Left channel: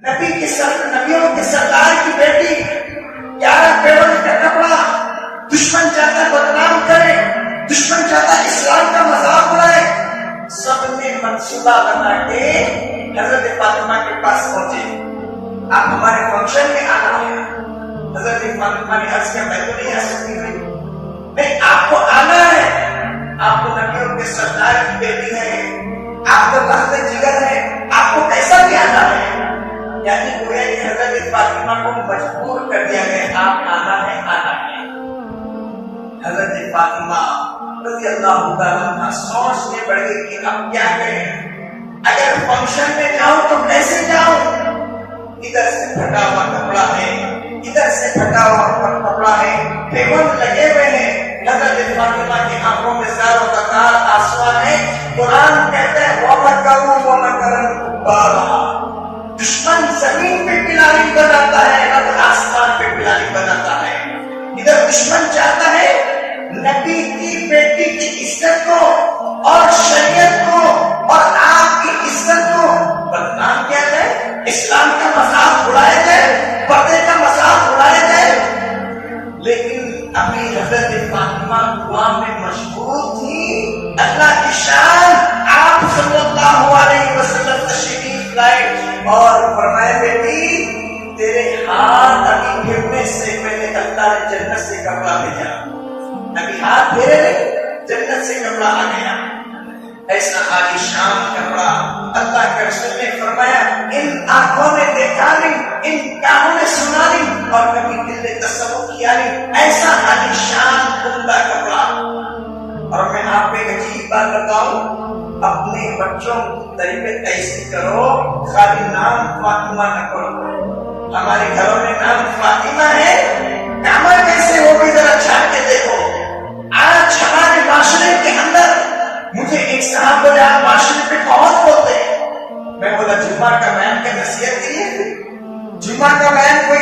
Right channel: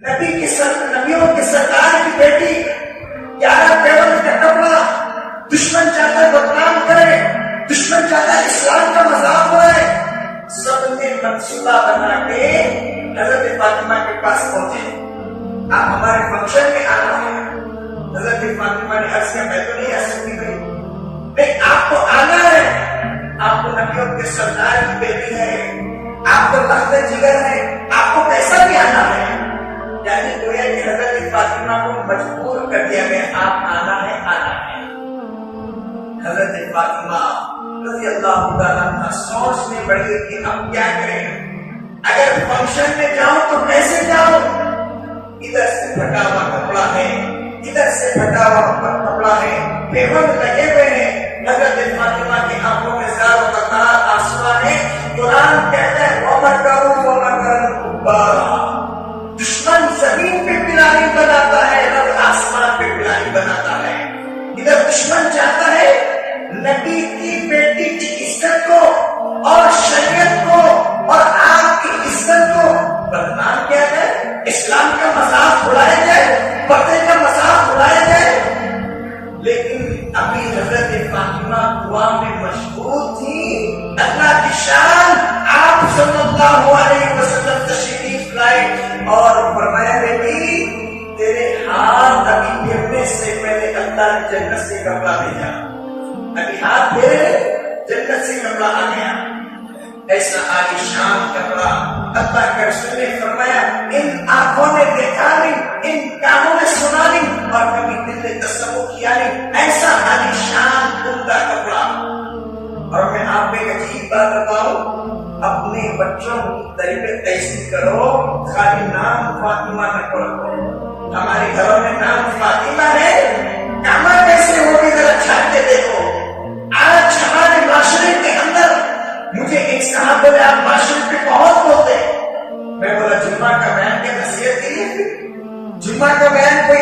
نبیوں کے سرکار کی بیٹی 11 پیون کا کپڑا دشمن چاہتا ہے بدنام کرے، دشمن چاہتا ہے اسلام کا مذاق اڑائے، سب نے منصوبہ بنا کے حضرت فاطمہ کے پاس پہنچے، آپ ہمارے فنکشن میں آنا ہے۔ حضرت فاطمہ نے عرض کیا میں تو نہیں آ سکتی تھی، نہیں آپ کو آنا ہے، آپ کو نبیوں کے سرکار کی بیٹی ہے، آپ کو لخت جگر ہے، آپ کو کیسا بھی آنا ہے۔ یعنی گویا کہ حضرت فاطمہ کو مجبور کر دیا گیا آپ آنا ہے آنا ہے۔ حضرت فاطمہ رضی اللہ تعالیٰ عنہ سوچنے پڑی کہ اب کیا کریں، اگر فنکشن میں جاؤں تو کیسے جاؤں، ادھر سے پھٹا ہوا کپڑا ہے، ادھر سے پھٹا ہوا کپڑا ہے، پیون لگے ہوئے ہیں، حضرت فاطمہ کی آنکھوں میں زار و بکار آنسو ہے۔ قرآن کہتا ہے دشمن زمین پہ پلانی بناتا ہے، رب آسمان پہ پلانی بناتا ہے۔ ادھر دشمن چاہتا ہے نبی کی بیٹی کی عزت کو اور شریعت کو اور آپ کی عزت کو بدنام کیا جائے، اسلام کا مذاق اڑایا جائے، پردے کا مذاق اڑایا جائے۔ لیکن ابھی حضرت فاطمہ دعا میں مشغول تھی، اللہ کی شان آپ صلی اللہ علیہ وسلم تشریف لائے اور فرمایا بیٹی تیرے ہاتھ ابھی پھرنے سے پہلے اللہ نے جنت سے کپڑا بھیجا، ابھی ہاتھ پھیرے جنت سے کپڑا آ گیا، ایسا عالی شان کپڑا۔ اللہ کے رسول نے فرمایا ان آنکھوں نے دیکھا نہیں، ان کانوں نے سنا نہیں اور کبھی دل نے تصور کیا نہیں، ایسا عالی شان عمدہ کپڑا۔ اور میں آپ کو ایک عجیب بات بتاؤں، اپنے بچوں کی تربیت ایسی کرو خالی نام فاطمہ نہ کرو۔ ہمارے گھروں میں نام فاطمہ ہے، کاما کیسے ہوگی ذرا چھان کے دیکھو۔ آج ہمارے معاشرے کے اندر مجھے ایک صاحب بولے آپ معاشرے پہ بہت بولتے ہیں، میں بولا جمعہ کا بیان کے نصیحت کے لیے، جمعہ کا بیان کوئی